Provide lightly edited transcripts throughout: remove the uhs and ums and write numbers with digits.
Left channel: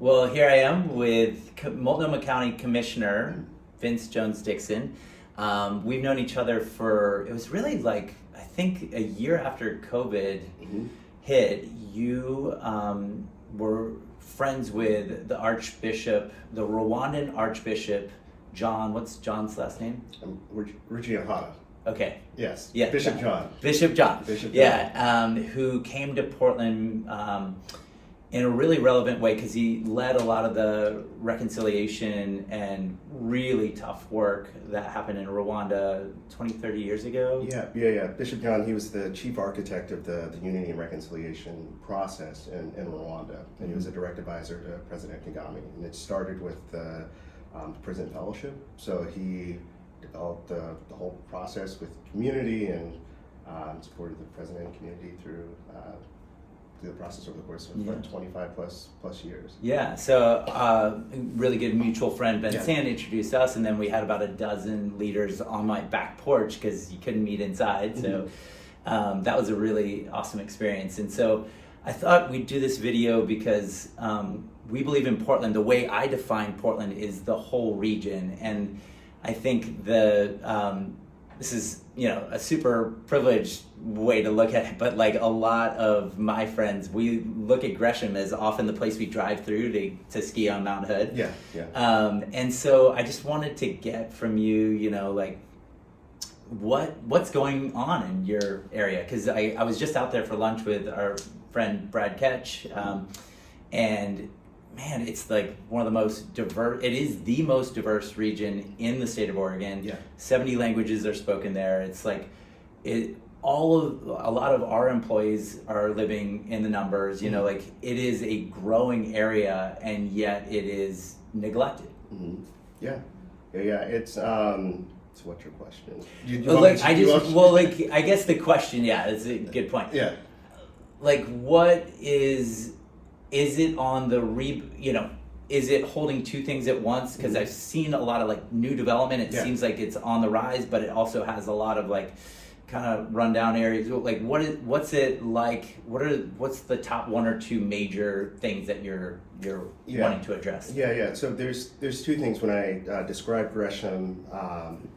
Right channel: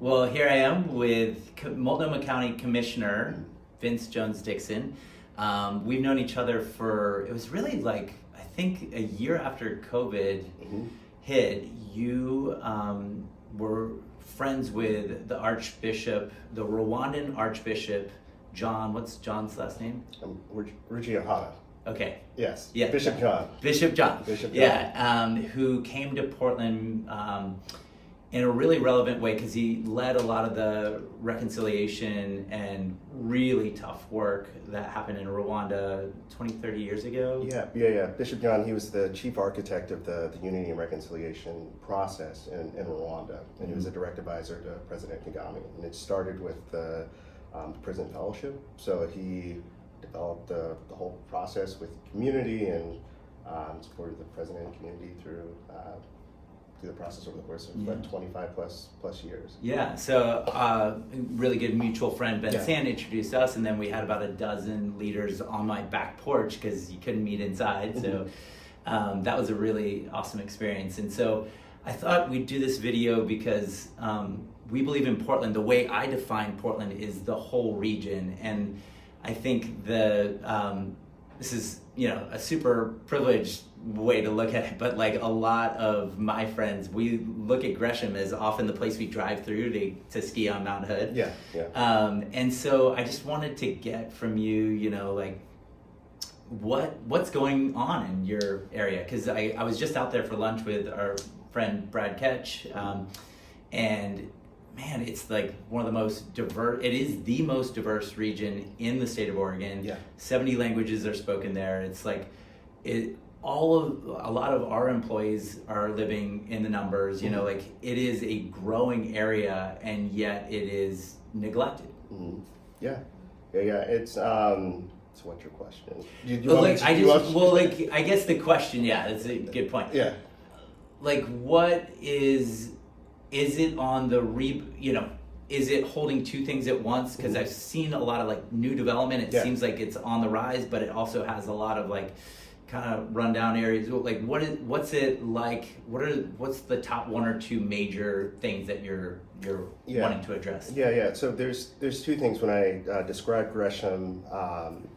Well, here I am with Multnomah County Commissioner Vince Jones-Dixon. We've known each other for, it was really like, I think a year after COVID hit. You were friends with the Archbishop, the Rwandan Archbishop, John, what's John's last name? Ruggiero. Okay. Yes. Yeah. Bishop John. Bishop John. Bishop John. Yeah. Who came to Portland in a really relevant way because he led a lot of the reconciliation and really tough work that happened in Rwanda 20, 30 years ago. Yeah. Bishop John, he was the chief architect of the unity and reconciliation process in Rwanda. And he was a direct advisor to President Kagame. And it started with the prison fellowship. So he developed the whole process with community and supported the president and community through the process over the course of about 25 plus years. Yeah, so really good mutual friend Ben Sand introduced us, and then we had about a dozen leaders on my back porch because you couldn't meet inside. So that was a really awesome experience. And so I thought we'd do this video because we believe in Portland. The way I define Portland is the whole region, and I think this is, a super privileged way to look at it, but like a lot of my friends, we look at Gresham as often the place we drive through to ski on Mount Hood. Yeah. And so I just wanted to get from you, like what's going on in your area? Because I was just out there for lunch with our friend Brad Ketch, and man, it's like one of the most diverse, it is the most diverse region in the state of Oregon. Yeah. 70 languages are spoken there. It's like, a lot of our employees are living in the numbers, like it is a growing area and yet it is neglected. Yeah. It's, so what's your question? I guess the question, is a good point. Yeah. Like what is it on the is it holding two things at once? Because I've seen a lot of like new development. It seems like it's on the rise, but it also has a lot of like kind of rundown areas. Like what's it like? What's the top one or two major things that you're wanting to address? Yeah. So there's two things when I describe Gresham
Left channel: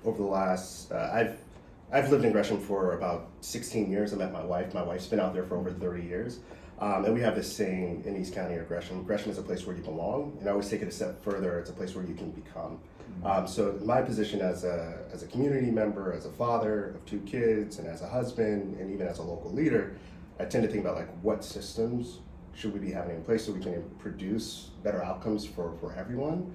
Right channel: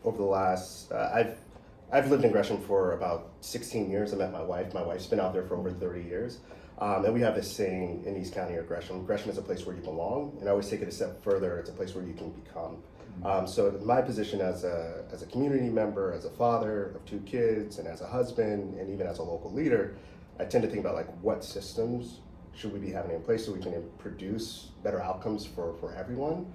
over the last I've lived in Gresham for about 16 years. I met my wife. My wife's been out there for over 30 years. And we have this saying in East County or Gresham is a place where you belong, and I always take it a step further, it's a place where you can become. So my position as a community member, as a father of two kids, and as a husband, and even as a local leader, I tend to think about like what systems should we be having in place so we can produce better outcomes for everyone.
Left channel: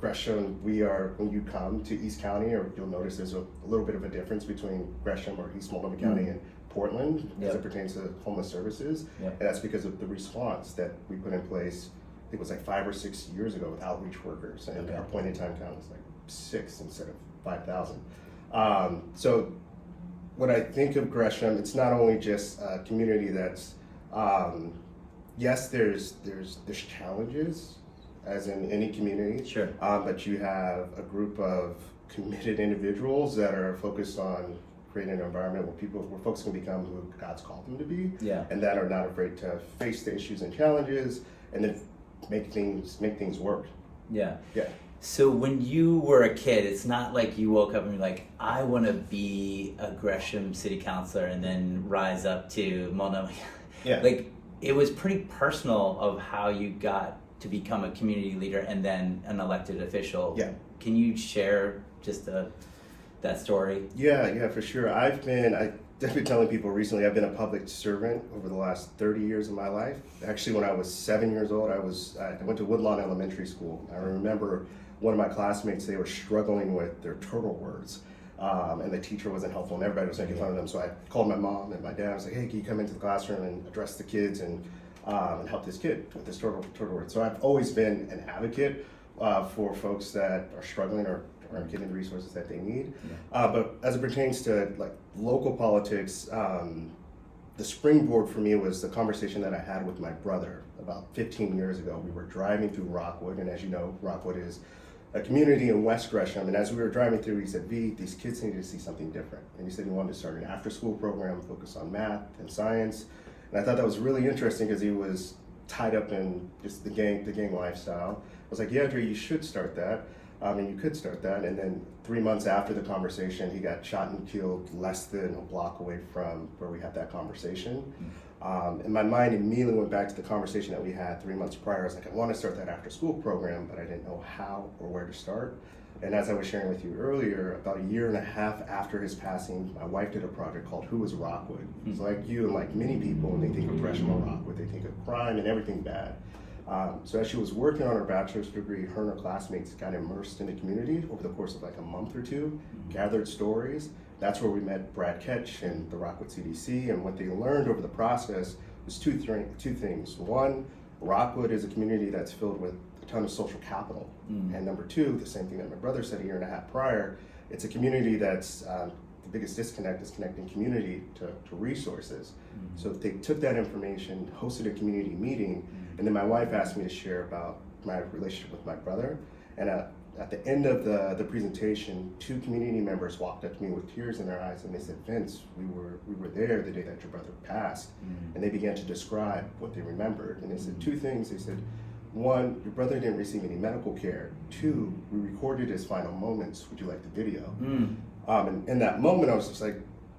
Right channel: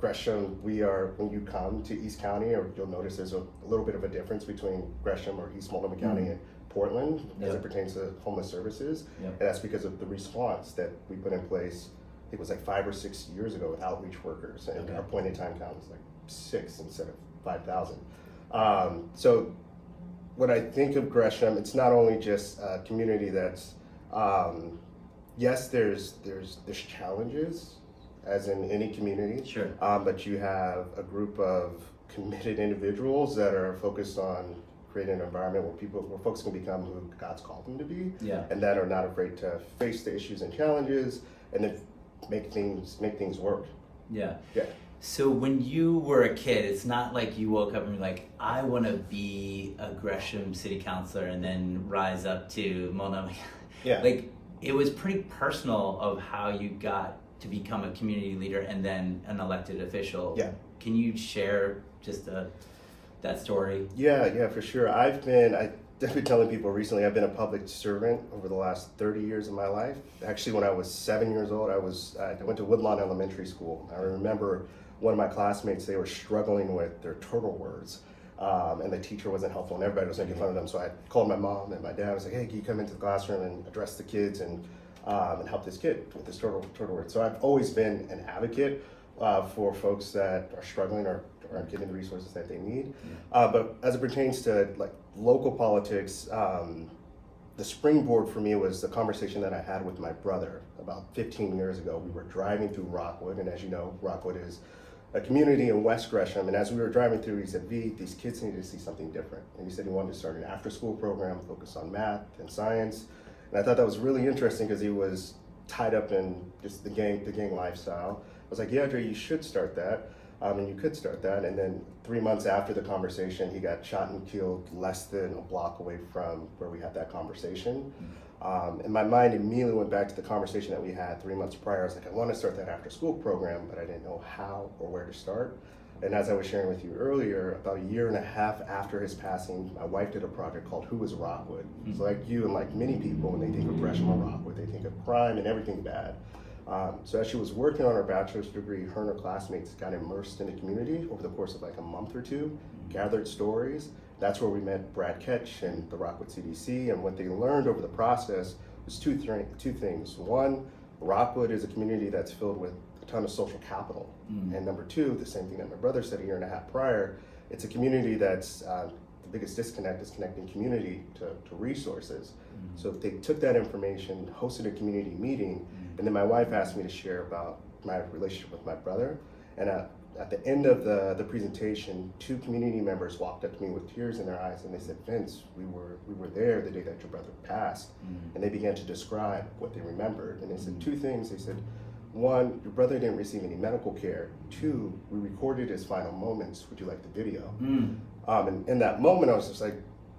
Gresham, when you come to East County, or you'll notice there's a little bit of a difference between Gresham or East Multnomah County and Portland as it pertains to homeless services. And that's because of the response that we put in place, I think it was like 5 or 6 years ago with outreach workers, and our point in time count was like 6 instead of 5,000. So when I think of Gresham, it's not only just a community that's, yes, there's challenges, as in any community. Sure. But you have a group of committed individuals that are focused on creating an environment where folks can become who God's called them to be, and that are not afraid to face the issues and challenges, and then make things work. Yeah. So when you were a kid, it's not like you woke up and you're like, I want to be a Gresham city councilor and then rise up to Multnomah. Like it was pretty personal of how you got to become a community leader and then an elected official. Can you share just that story? Yeah, for sure. I've been telling people recently, I've been a public servant over the last 30 years of my life. Actually, when I was 7 years old, I went to Woodlawn Elementary School. I remember one of my classmates, they were struggling with their turtle words. And the teacher wasn't helpful, and everybody was making fun of them. So I called my mom and my dad. I was like, hey, can you come into the classroom and address the kids and help this kid with this turtle word? So I've always been an advocate for folks that are struggling or getting the resources that they need. But as it pertains to like local politics, the springboard for me was the conversation that I had with my brother about 15 years ago. We were driving through Rockwood, and as you know, Rockwood is a community in West Gresham, and as we were driving through, he said, V, these kids need to see something different. And he said he wanted to start an after-school program focused on math and science. And I thought that was really interesting because he was tied up in just the gang lifestyle. I was like, yeah, Dre, you should start that. And you could start that. And then 3 months after the conversation, he got shot and killed less than a block away from where we had that conversation. And my mind immediately went back to the conversation that we had 3 months prior. I was like, I want to start that after school program, but I didn't know how or where to start. And as I was sharing with you earlier, about 1.5 years after his passing, my wife did a project called Who is Rockwood? So like you and like many people, when they think of Gresham or Rockwood, they think of crime and everything bad. So as she was working on her bachelor's degree, her and her classmates got immersed in the community over the course of like a month or two, gathered stories. That's where we met Brad Ketch and the Rockwood CDC, and what they learned over the process was two things. One, Rockwood is a community that's filled with a ton of social capital. And number two, the same thing that my brother said 1.5 years prior, it's a community that's, the biggest disconnect is connecting community to resources. So they took that information, hosted a community meeting, and then my wife asked me to share about my relationship with my brother. And at the end of the presentation, 2 community members walked up to me with tears in their eyes, and they said, Vince, we were there the day that your brother passed. And they began to describe what they remembered. And they said 2 things. They said, 1, your brother didn't receive any medical care. 2, we recorded his final moments. Would you like the video? And in that moment, I was just like,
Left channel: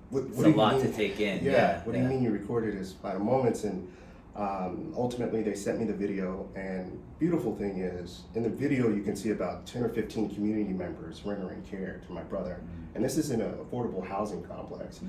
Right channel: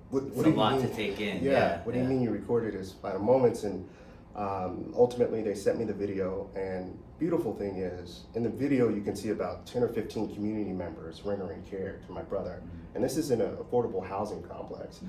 what do you mean? To take in. What do you mean you recorded his final moments? And ultimately, they sent me the video. And beautiful thing is, in the video, you can see about 10 or 15 community members rendering care to my brother. And this is in an affordable housing complex.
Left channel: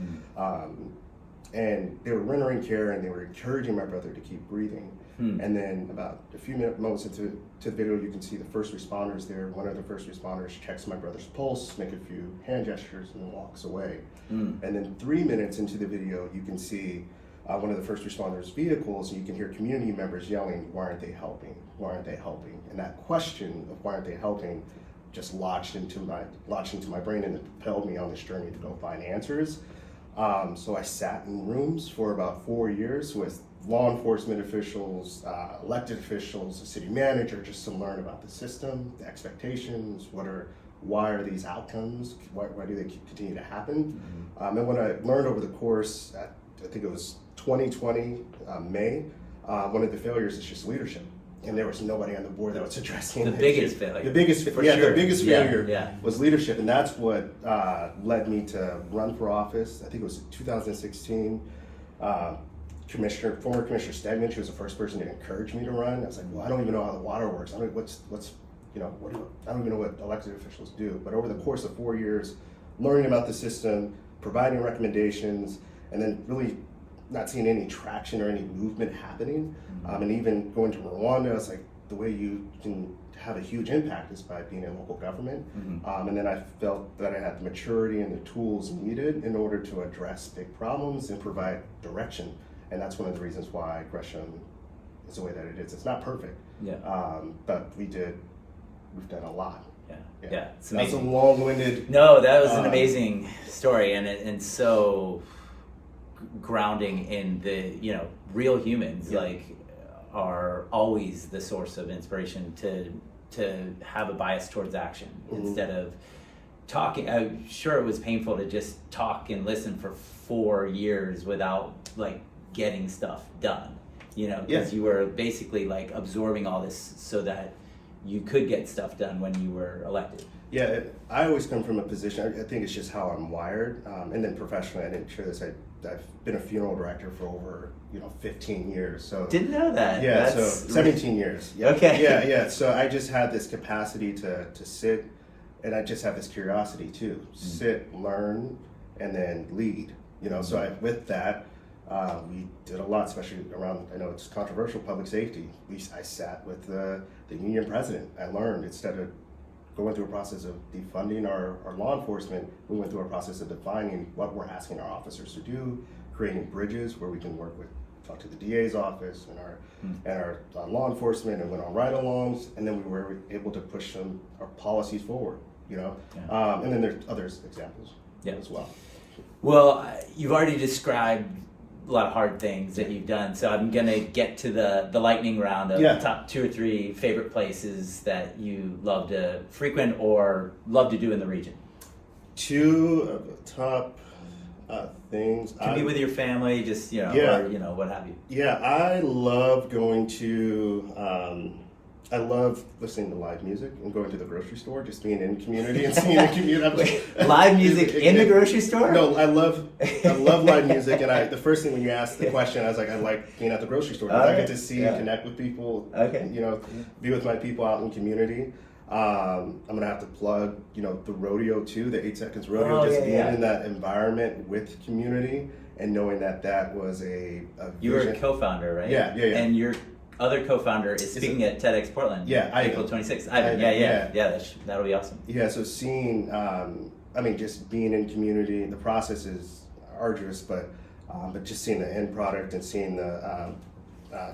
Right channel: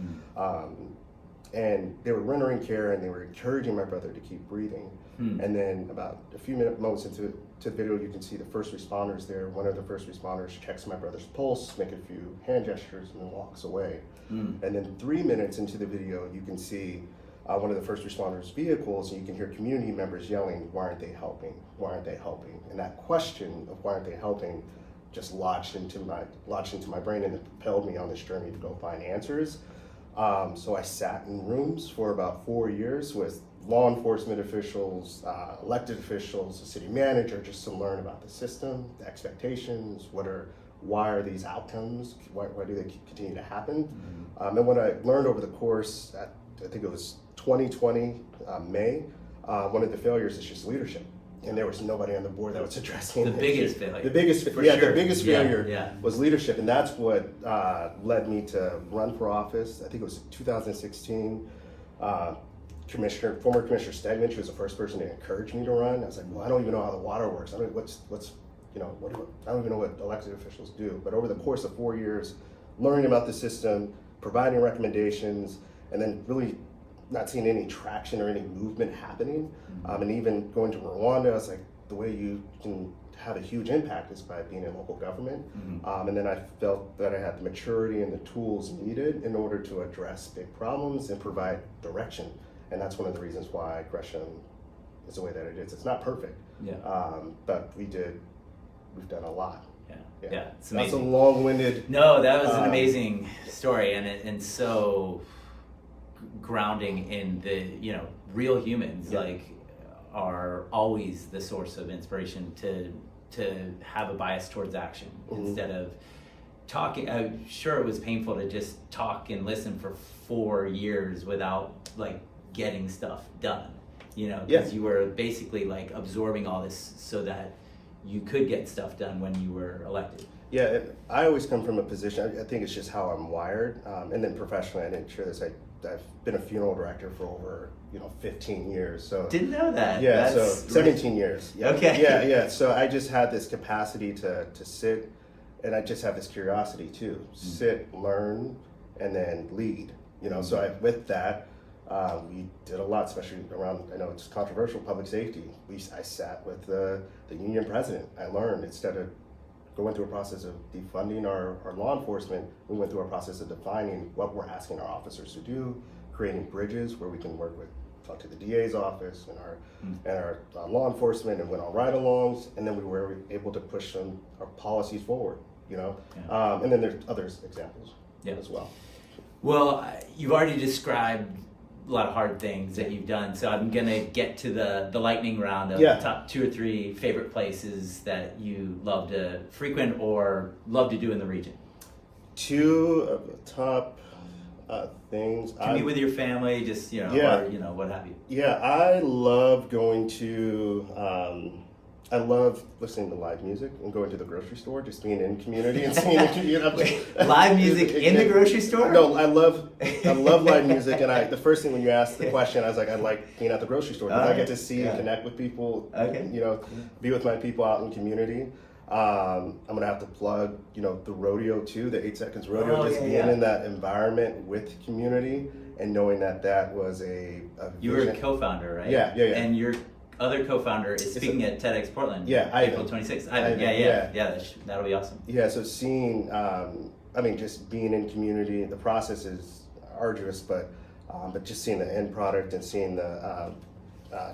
And they were rendering care, and they were encouraging my brother to keep breathing. And then about a few moments into the video, you can see the first responders there. One of the first responders checks my brother's pulse, make a few hand gestures, and then walks away. And then 3 minutes into the video, you can see one of the first responders' vehicles, and you can hear community members yelling, why aren't they helping? Why aren't they helping? And that question of why aren't they helping just lodged into my brain, and it propelled me on this journey to go find answers. So I sat in rooms for about 4 years with law enforcement officials, elected officials, the city manager, just to learn about the system, the expectations, why are these outcomes, why do they continue to happen? And what I learned over the course, I think it was 2020, May, one of the failures is just leadership. And there was nobody on the board that was addressing the biggest failure. The biggest failure Yeah. was leadership, and that's what led me to run for office. I think it was 2016. Former Commissioner Stegman, she was the first person to encourage me to run. I was like, well, I don't even know how the water works. I don't even know what elected officials do. But over the course of 4 years, learning about the system, providing recommendations, and then really not seeing any traction or any movement happening. And even going to Rwanda, it's like the way you can have a huge impact is by being in local government. And then I felt that I had the maturity and the tools needed in order to address big problems and provide direction. And that's one of the reasons why Gresham is the way that it is. It's not perfect, but we've done a lot. Yeah, it's amazing. That's a long-winded. No, that was an amazing story, and so grounding in the real humans are always the source of inspiration to have a bias towards action instead of talking. I'm sure it was painful to just talk and listen for 4 years without getting stuff done, because you were basically absorbing all this so that you could get stuff done when you were elected. Yeah, I always come from a position, I think it's just how I'm wired, and then professionally, I didn't share this, I've been a funeral director for over 15 years. So didn't know that. Yeah, That's so 17 years. Yeah. Okay. Yeah. So I just had this capacity to sit, and I just have this curiosity too. Sit, learn, and then lead. So with that, we did a lot, especially around, I know it's controversial, public safety. I sat with the union president. I learned, instead of going through a process of defunding our law enforcement, we went through a process of defining what we're asking our officers to do, creating bridges where we can talk to the DA's office and our law enforcement, and went on ride-alongs, and then we were able to push our policies forward, and then there's other examples as well. Well, you've already described a lot of hard things that you've done, so I'm gonna get to the lightning round of the top 2 or 3 favorite places that you love to frequent or love to do in the region. 2 of the top, Things. Can be with your family, just, Yeah. or, what have you. Yeah, I love going to. I love listening to live music and going to the grocery store, just being in community and seeing the community. Live music in the grocery store? No, I love live music, and the first thing when you asked the question, I was like, I like being at the grocery store because I get to see and connect with people. Okay. Be with my people out in community. I'm gonna have to plug, the rodeo too, the 8 Seconds Rodeo, being in that environment with community and knowing that was a You were a vision. co-founder, right? Yeah. And your other co-founder is speaking at TEDx Portland. Yeah, April 26th. Ivan. Yeah. That'll be awesome. Yeah, so seeing, just being in community, the process is arduous, but just seeing the end product and seeing the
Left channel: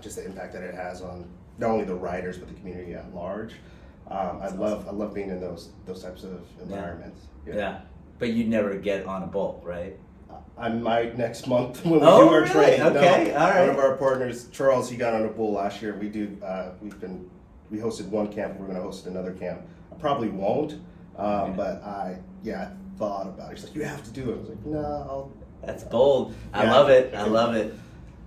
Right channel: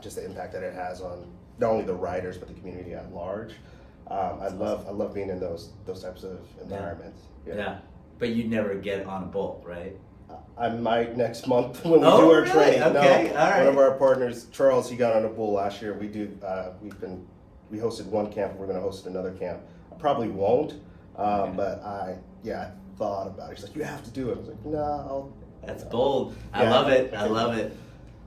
just the impact that it has on not only the riders but the community at large. I love being in those types of environments. Yeah. But you'd never get on a bull, right? I might next month when we do our really? training. Okay, all right. One of our partners, Charles, he got on a bull last year. We we hosted one camp. We're going to host another camp. I probably won't, but I thought about it. He's like, you have to do it. I was like, no. That's bold. I love it. All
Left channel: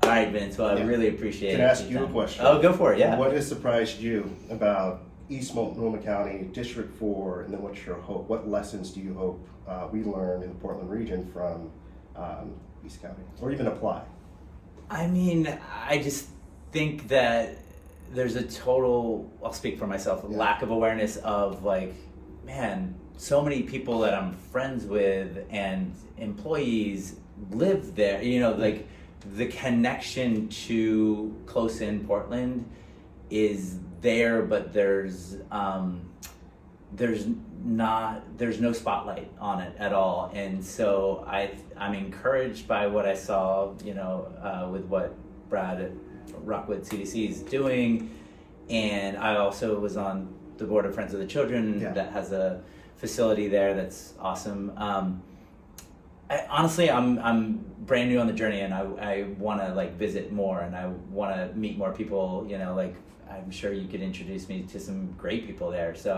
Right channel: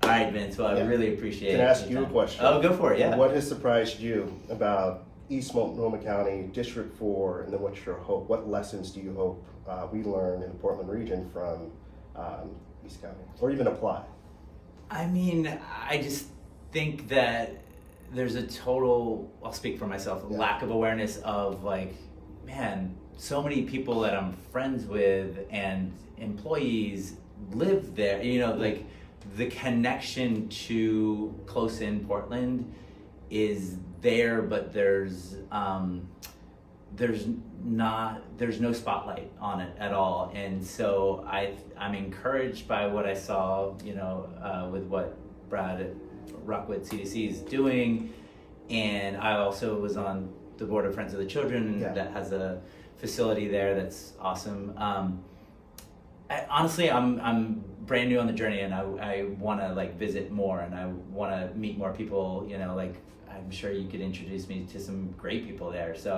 right, Vince. Well, I really appreciate it. Can I ask you a question? Oh, go for it. Yeah. What has surprised you about East Multnomah County, District 4, and then what's your hope? What lessons do you hope we learn in the Portland region from East County, or even apply? I just think that there's a total, I'll speak for myself, lack of awareness of so many people that I'm friends with and employees live there, the connection to close in Portland is there, but there's no spotlight on it at all. And so I'm encouraged by what I saw, with what Brad at Rockwood CDC is doing. And I also was on the board of Friends of the Children that has a facility there that's awesome. Honestly, I'm brand new on the journey, and I want to visit more, and I want to meet more people. I'm sure you could introduce me to some great people there. So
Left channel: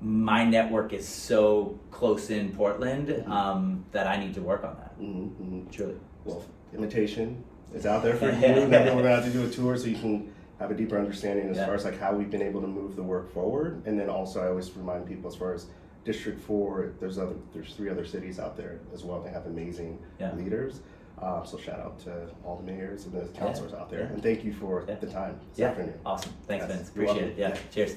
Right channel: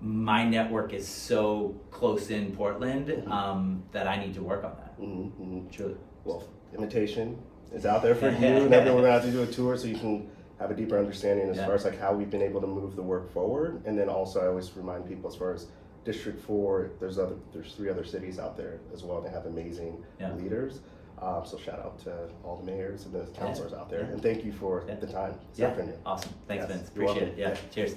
my network is so close in Portland that I need to work on that. Truly. Well, invitation is out there for you, and everyone will have to do a tour so you can have a deeper understanding as far as how we've been able to move the work forward. And then also I always remind people as far as District 4, there's 3 other cities out there as well that have amazing leaders. So shout out to all the mayors and the councilors out there, and thank you for the time. Awesome. Thanks, Vince. Appreciate it. Cheers.